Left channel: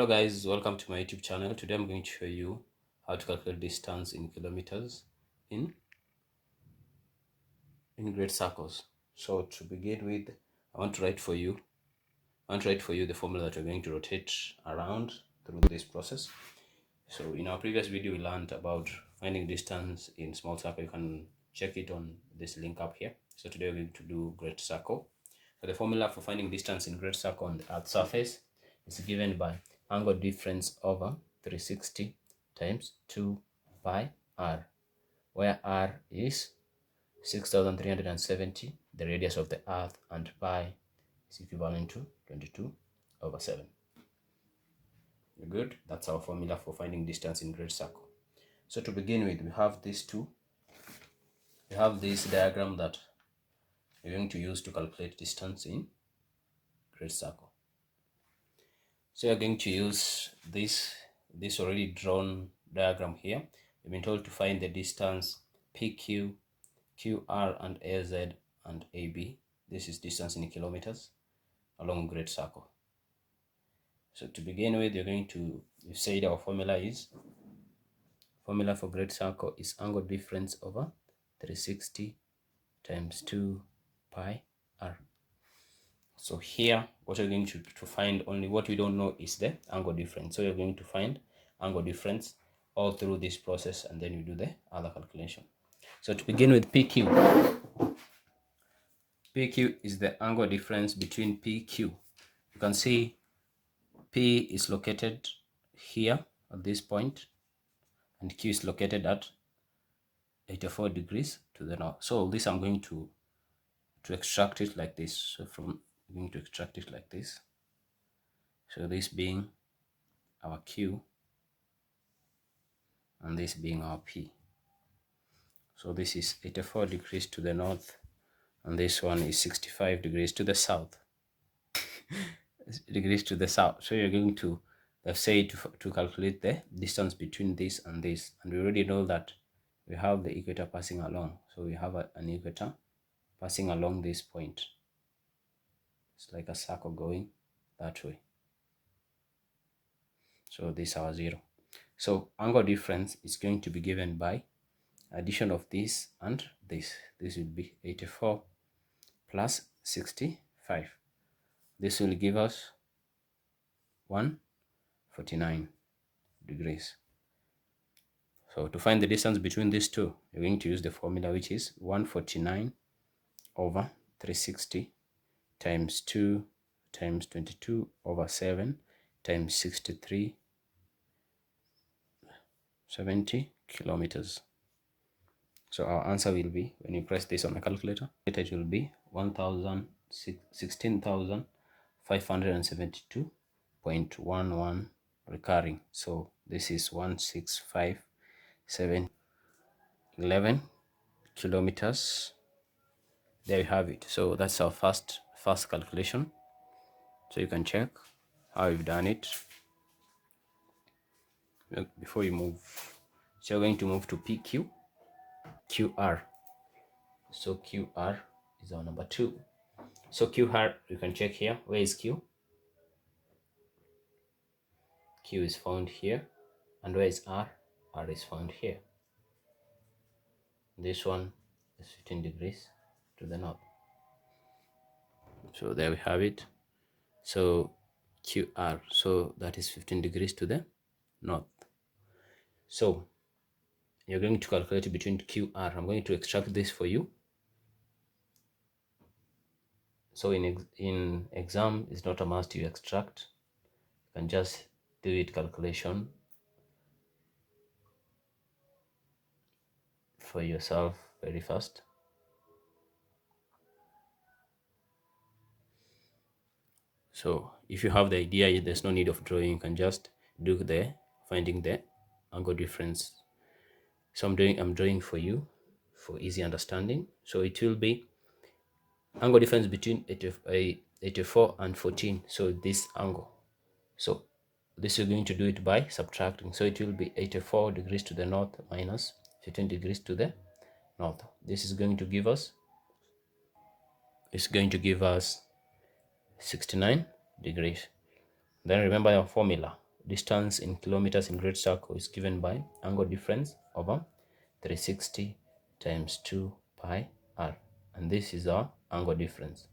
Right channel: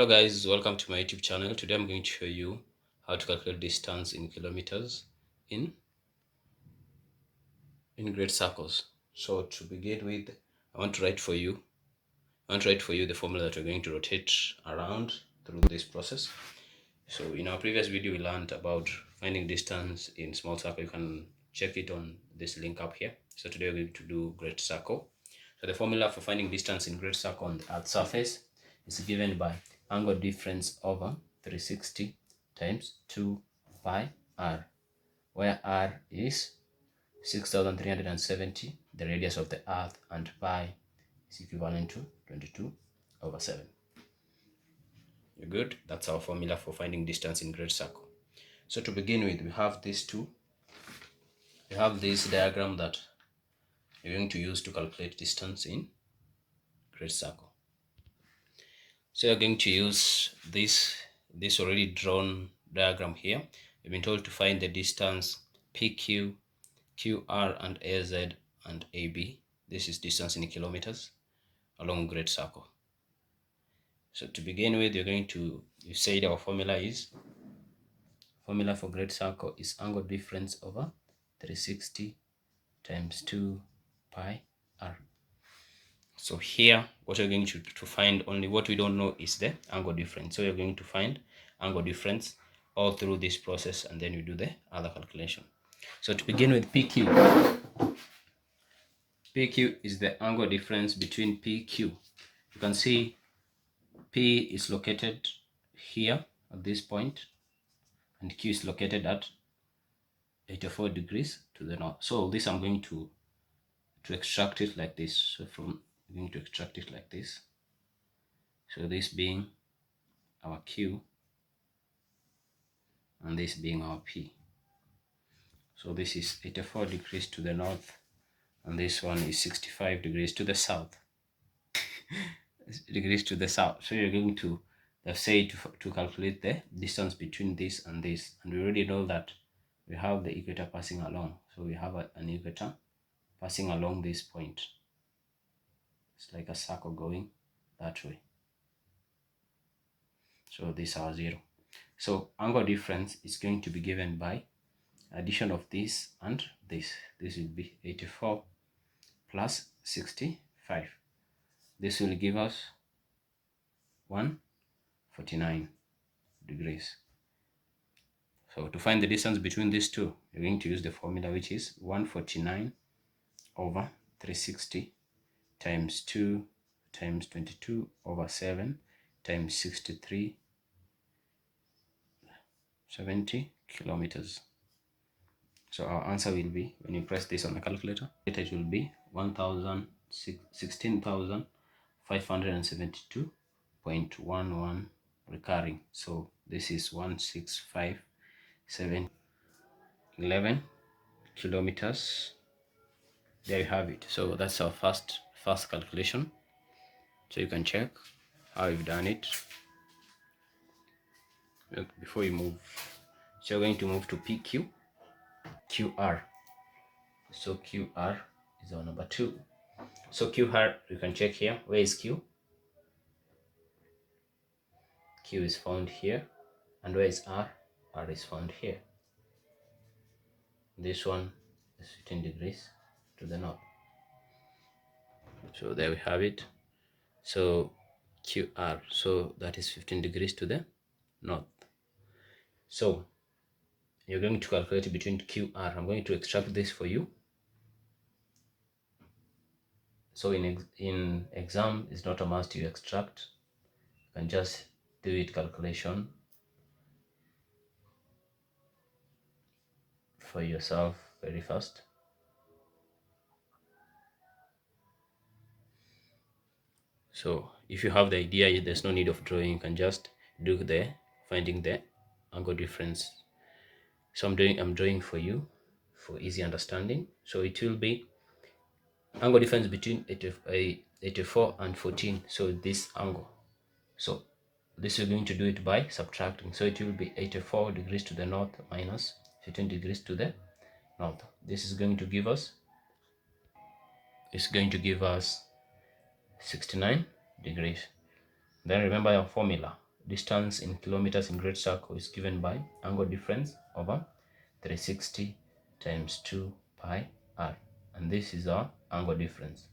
Hello guys, welcome to my YouTube channel. Today I'm going to show you how to calculate distance in kilometers in great circles. So to begin with, I want to write for you the formula that we're going to rotate around through this process. So in our previous video we learned about finding distance in small circle. You can check it on this link up here. So today we're going to do great circle. So the formula for finding distance in great circle on the Earth's surface is given by angle difference over 360 times 2 pi r, where r is 6,370, the radius of the Earth, and pi is equivalent to 22/7. You're good? That's our formula for finding distance in great circle. So to begin with, we have these two. We have this diagram that we're going to use to calculate distance in great circle. So you're going to use this already drawn diagram here. We've been told to find the distance PQ, QR, and AZ and AB. This is distance in kilometers along great circle. So to begin with, you said our formula for great circle is angle difference over 360 times 2 pi r. So here, what we're going to find, only what we don't know is the angle difference. So you're going to find angle difference all through this process, and then you do the other calculation. So to begin with, PQ is the angle difference between PQ. You can see P is located here at this point, and Q is located at 84 degrees to the north. So this I'm going to extract it like this. So I'm going to extract it like this. So this being our Q and this being our P. So this is 84 degrees to the north, and this one is 65 degrees to the south. Degrees to the south. So you're going to say to calculate the distance between this and this, and we already know that we have the equator passing along. So we have an equator passing along this point. It's like a circle going that way. So this is our 0. So angle difference is going to be given by addition of this and this. This will be 84 plus 65. This will give us 149 degrees. So to find the distance between these two, you're going to use the formula, which is 149 over 360 times 2 times 22/7 times 6370 kilometers. So our answer will be, when you press this on the calculator, it will be 16,572.11 recurring. So this is 165,711 kilometers. There you have it. So that's our first calculation. So you can check how you've done it. Before you move, so you're going to move to PQ, QR. So QR is our number 2. So QR, you can check here. Where is Q? Q is found here. And where is R? R is found here. This one is 15 degrees to the north. So there we have it. So QR, so that is 15 degrees to the north. So you're going to calculate between QR. I'm going to extract this for you. So in exam, it's not a must you extract. You can just do it calculation for yourself very fast. So if you have the idea, there's no need of drawing. You can just do the finding the angle difference. So I'm drawing for you for easy understanding. So it will be angle difference between 84 and 14. So this angle. So this is going to do it by subtracting. So it will be 84 degrees to the north minus 15 degrees to the north. This is going to give us, 69 degrees. Then remember your formula. distance in kilometers in great circle is given by angle difference over 360 times 2 pi r, and this is our angle difference.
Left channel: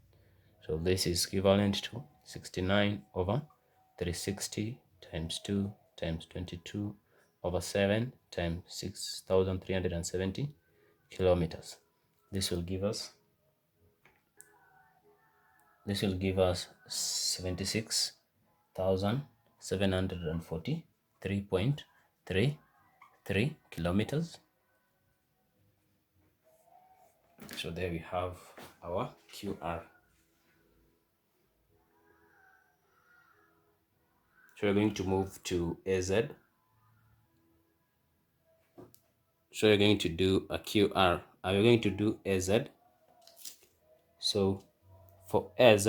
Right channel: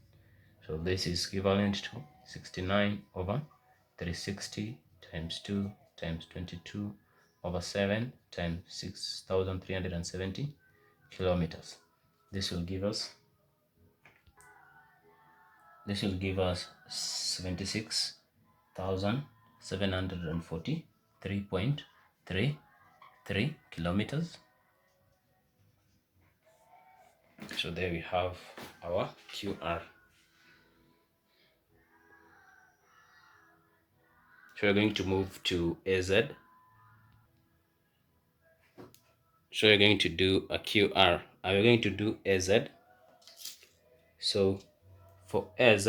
So this is equivalent to 69 over 360 times 2 times 22 over 7 times 6,370 kilometers. This will give us 76,743.33 kilometers. So there we have our QR. So we're going to move to AZ. So we're going to do a QR, and we're going to do AZ. So for AZ,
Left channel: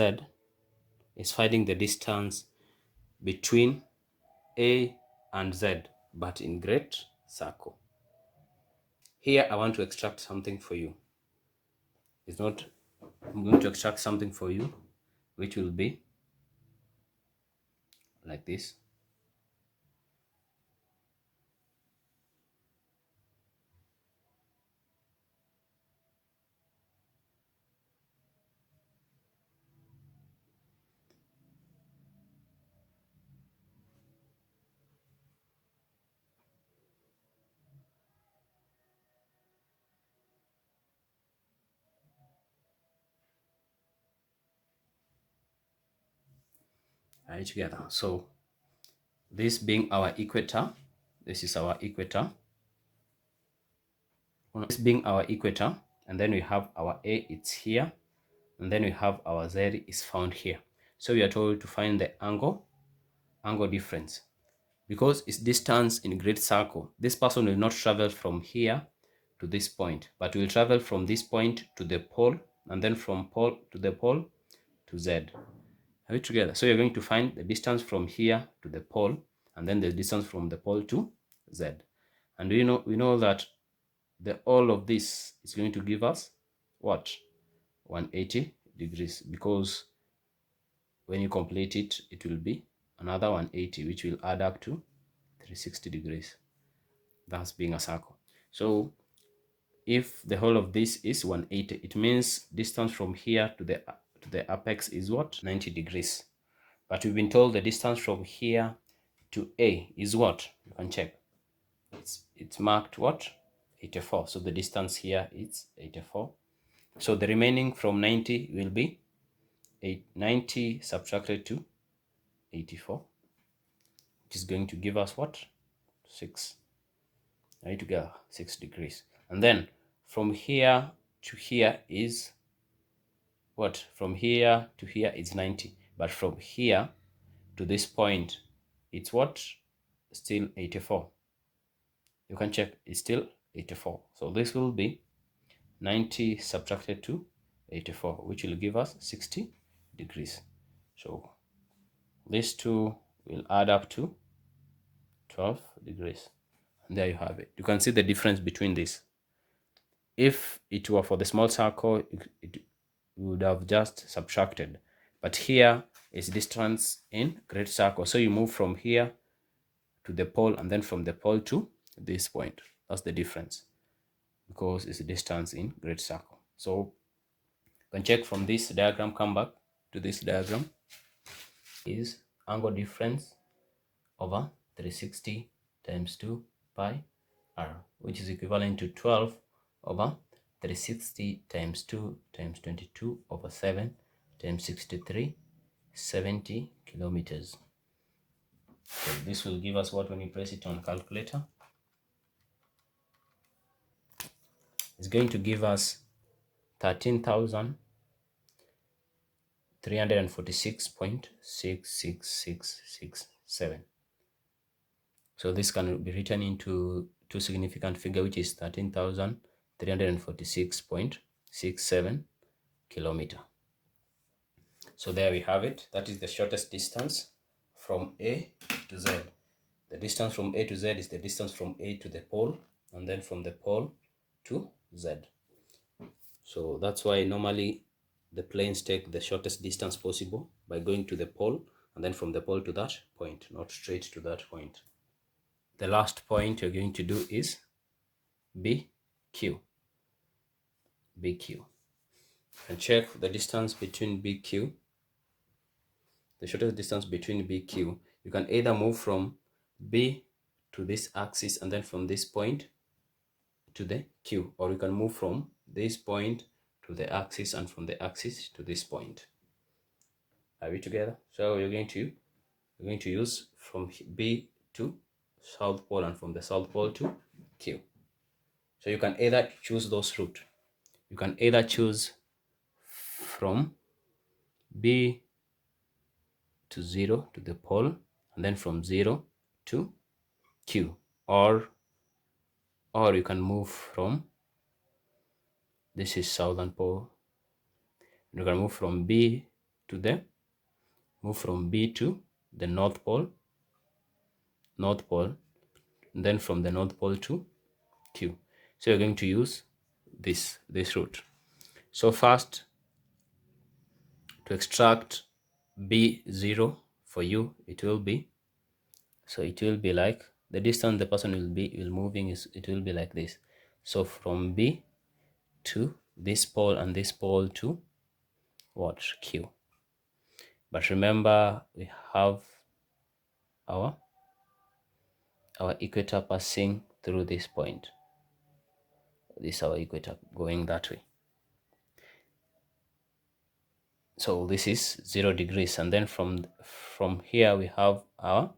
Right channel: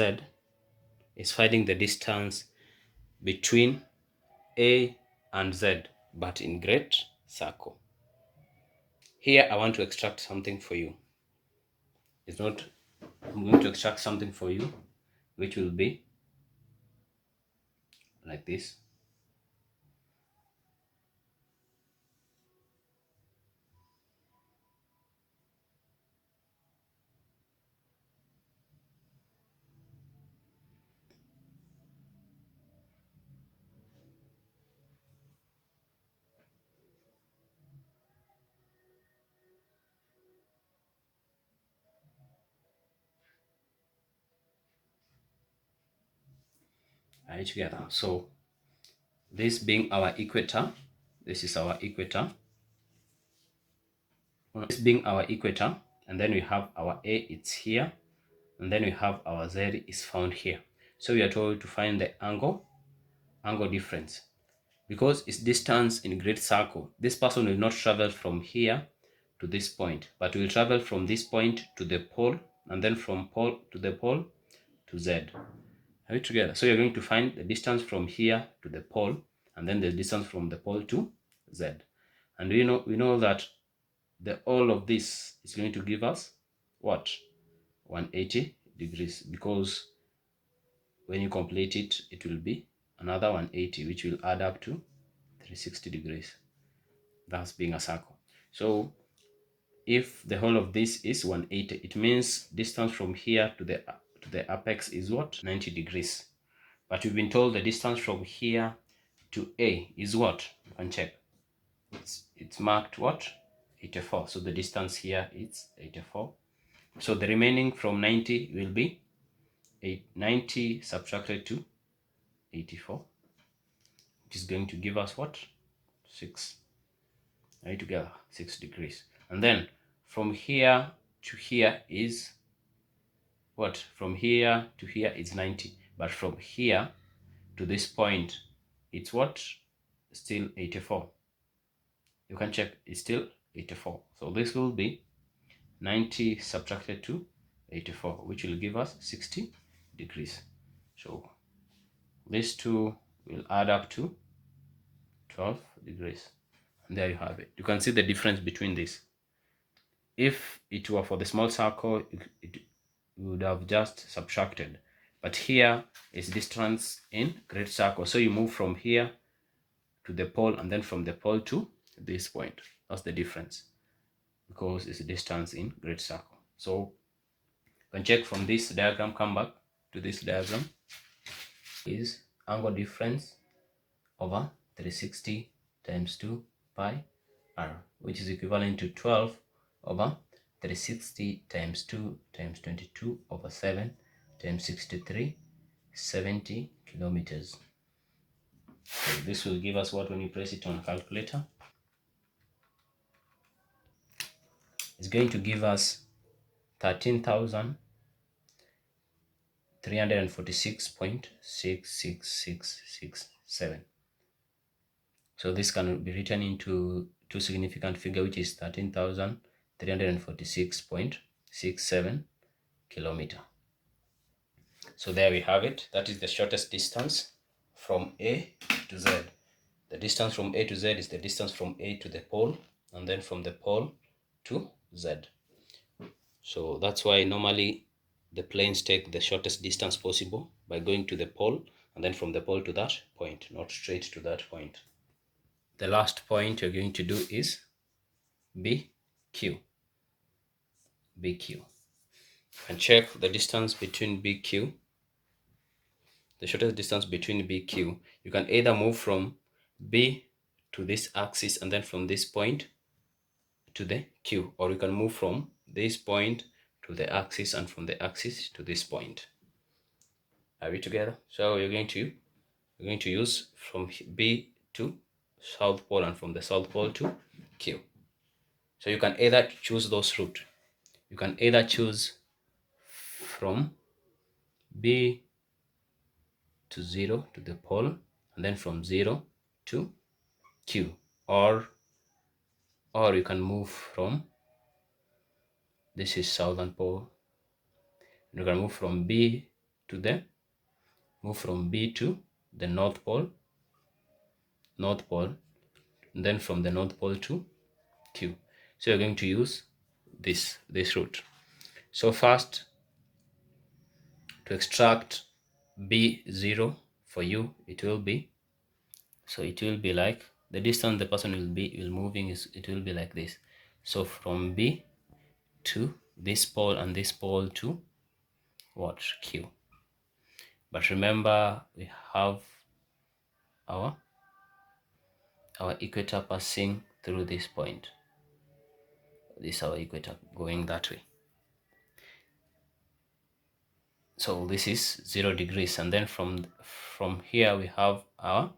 it's finding the distance between A and Z, but in great circle. Here I want to extract something for you. I'm going to extract something for you, which will be like this. Right together. So this being our equator, this is our equator. This being our equator, and then we have our A, it's here, and then we have our Z is found here. So we are told to find the angle difference. Because it's distance in great circle, this person will not travel from here to this point, but will travel from this point to the pole, and then from pole to the pole to Z. Are we together? So you're going to find the distance from here to the pole, and then the distance from the pole to Z. And we know that all of this is going to give us what? 180 degrees, because when you complete it, it will be another 180, which will add up to 360 degrees. That's being a circle. So if the whole of this is 180, it means distance from here to the apex is what? 90 degrees. But we've been told the distance from here to A is what? You can check. It's marked what? 84. So the distance here is 84. So the remaining from 90 will be 90 subtracted to 84, which is going to give us what? 6. Right together, 6 degrees. And then from here to here is what? From here to here is 90. But from here to this point, it's what? Still 84. You can check, it's still 84. So this will be 90 subtracted to 84, which will give us 60 degrees. So these two will add up to 12 degrees. And there you have it. You can see the difference between this. If it were for the small circle, it would have just subtracted. But here is distance in great circle. So you move from here to the pole, and then from the pole to this point. That's the difference, because it's a distance in great circle. So you can check from this diagram, come back to this diagram, is angle difference over 360 times 2 pi r, which is equivalent to 12 over 360 times 2 times 22 over 7 times 63, 70 kilometers. So this will give us what when you press it on calculator? It's going to give us 13,346.66667. So this can be written into two significant figure, which is 13,346.67 kilometer. So there we have it. That is the shortest distance from A to Z. The distance from A to Z is the distance from A to the pole, and then from the pole to Z. So that's why normally the planes take the shortest distance possible by going to the pole and then from the pole to that point, not straight to that point. The last point you're going to do is BQ. BQ. And check the distance between BQ. The shortest distance between BQ. You can either move from B to this axis and then from this point to the Q, or you can move from this point to the axis and from the axis to this point. Are we together? So you're going to use from B to South Pole and from the South Pole to Q. So you can either choose those route. You can either choose from B to 0 to the pole and then from 0 to Q, or you can move from, this is Southern Pole, you can move from B to the North Pole, and then from the North Pole to Q. So you're going to use this route. So first, to extract B0 for you, it will be like the distance the person will moving is, it will be like this. So from B to this pole and this pole to what? Q. But remember, we have our equator passing through this point. This is our equator going that way. So this is 0 degrees, and then from here we have our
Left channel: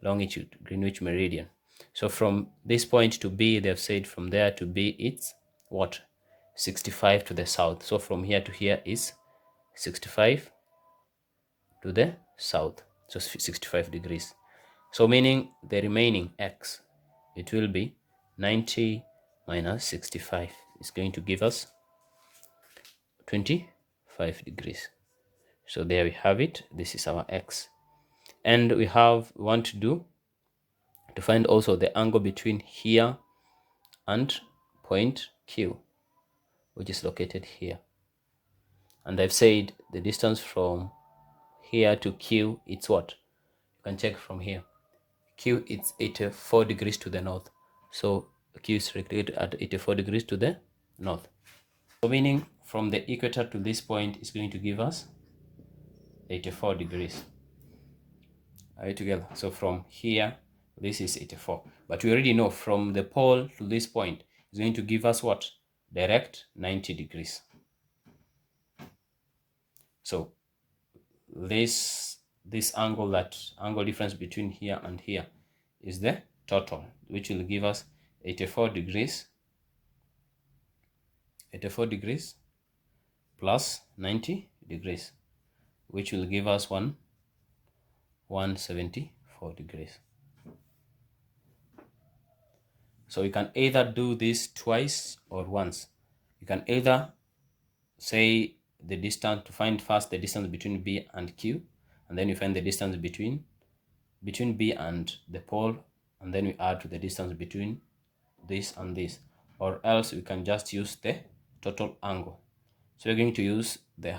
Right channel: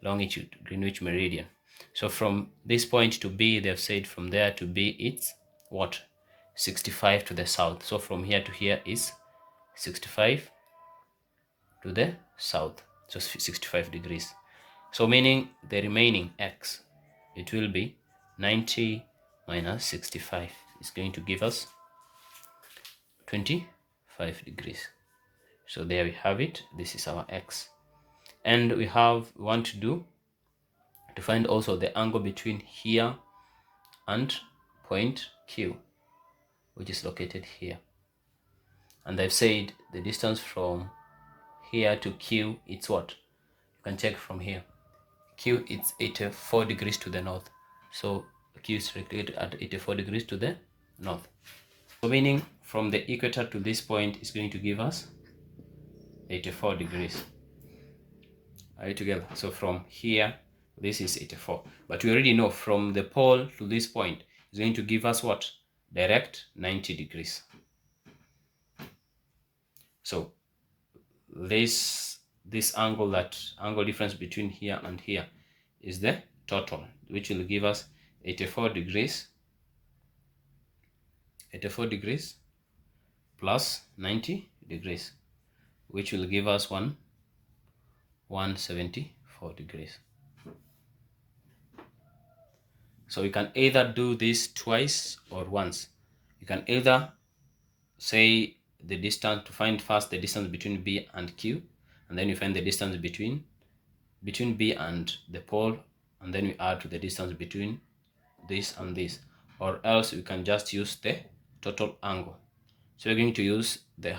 longitude, Greenwich meridian. So from this point to B, they've said from there to B it's what? 65 to the south. So from here to here is 65 to the south, so 65 degrees. So meaning the remaining x, it will be 90 minus 65 is going to give us 25 degrees. So there we have it. This is our x. And we want to find also the angle between here and point Q, which is located here. And I've said the distance from here to Q, it's what? You can check from here. Q, it's 84 degrees to the north. So Q is located at 84 degrees to the north. So meaning from the equator to this point is going to give us 84 degrees. Are you together? So from here, this is 84. But we already know from the pole to this point is going to give us what? Direct 90 degrees. So this angle difference between here and here is the total, which will give us 84 degrees plus 90 degrees, which will give us 174 degrees. So you can either do this twice or once. You can either say the distance, to find first the distance between B and Q, and then you find the distance between B and the pole, and then we add to the distance between this and this, or else we can just use the total angle. So we're going to use the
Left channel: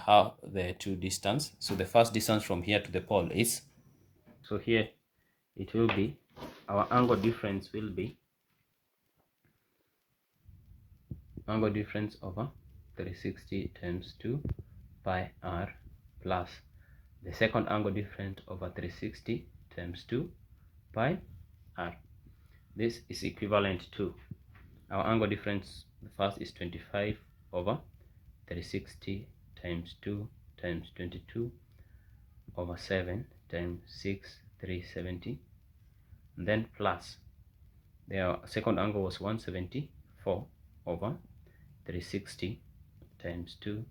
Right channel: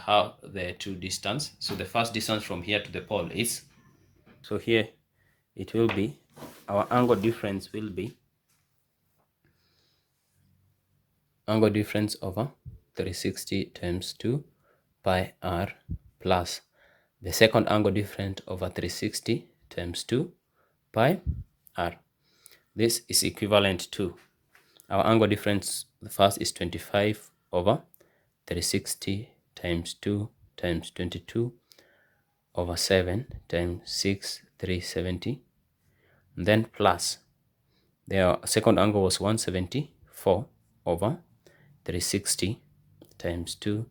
two distance. So the first distance from here to the pole is, so here it will be, our angle difference will be angle difference over 360 times 2 pi r plus the second angle difference over 360 times 2 pi r. This is equivalent to our angle difference. The first is 25 over 360 times 2 times 22 over 7 times 6, 370. And then plus the second angle was 174 over 360 times 2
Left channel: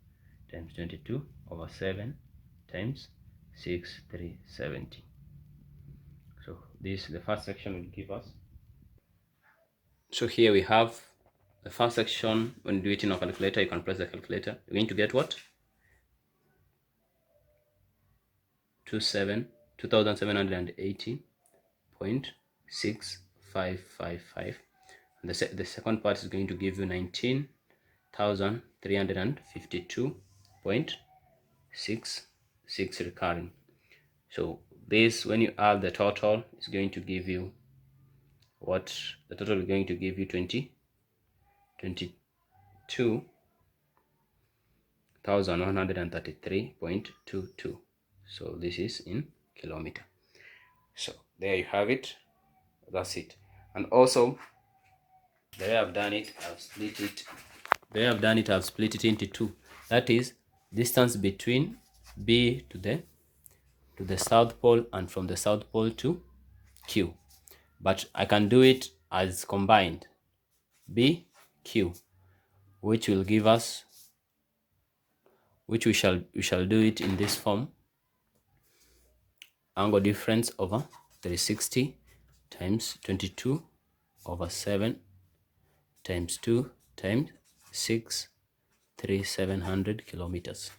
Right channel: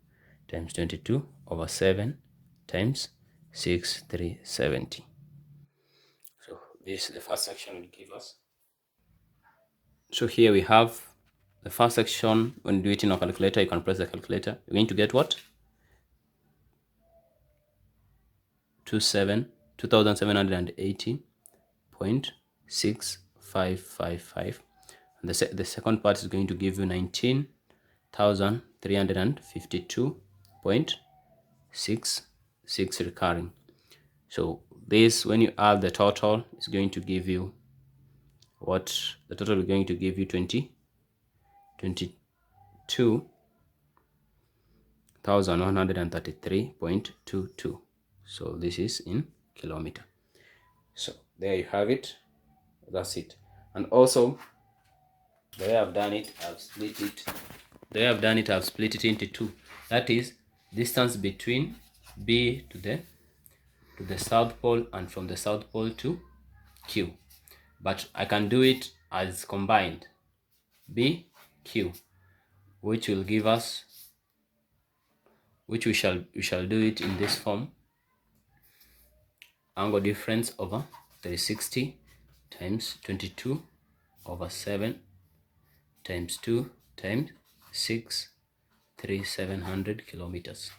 times 22 over 7 times 6, 370. So this, the first section will give us. So here we have the first section. When you do it in a calculator, you can press the calculator. You're going to get what? 2780.6555. And the second part is going to give you 19,352.66 recurring. So this, when you add the total, is going to give you what the total is going to give you 22,133.22. So this is in kilometer. So there you have it. That's it. And also, the way I've done it, I've split it. The way I've done it, I've split it into two. That is distance between B to the South Pole and from the South Pole to Q. But I can do it as combined B, Q, which will give us, which we shall do it in this form: angle difference over 360 times 22 over 7 times 2 times 6, 700 kilometers.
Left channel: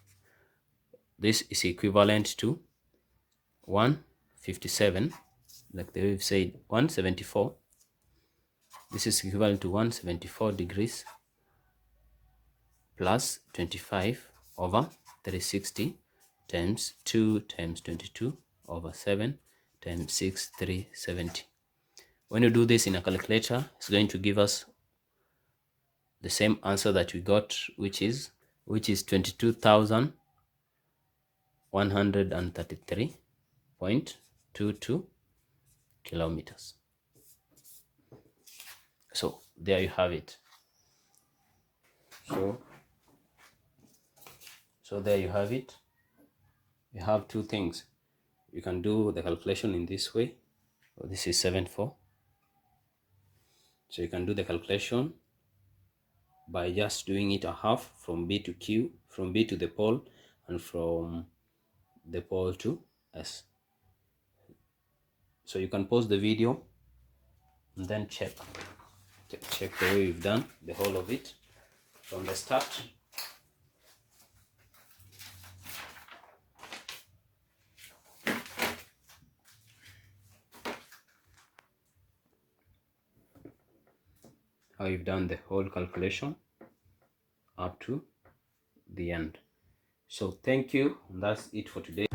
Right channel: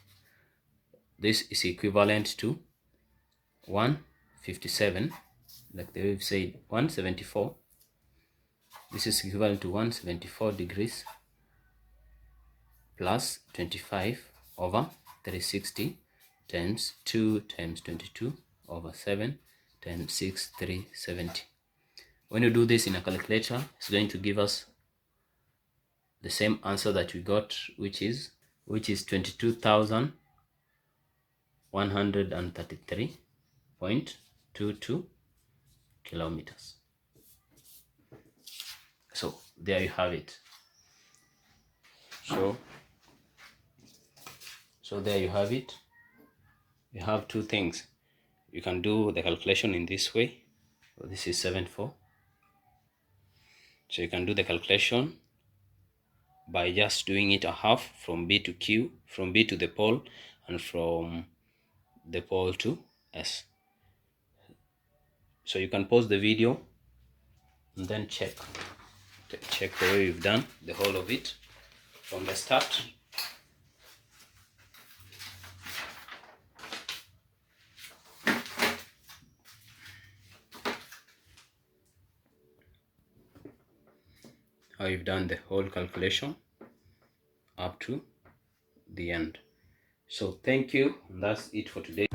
This is equivalent to 157, like they've said, 174. This is equivalent to 174 degrees plus 25 over 360 times 2 times 22 over 7 times 6, 370. When you do this in a calculator, it's going to give us the same answer that we got, which is 22,133.22 kilometers. So there you have it. So there you have it. You have two things. You can do the calculation in this way. So this is 7.4. So you can do the calculation by just doing it a half from B to Q, from B to the pole, and from the pole to S. So you can pause the video and then check the way we've done the whole of it from the start. How you've done the whole calculation up to the end. So thank you, and that's it for today.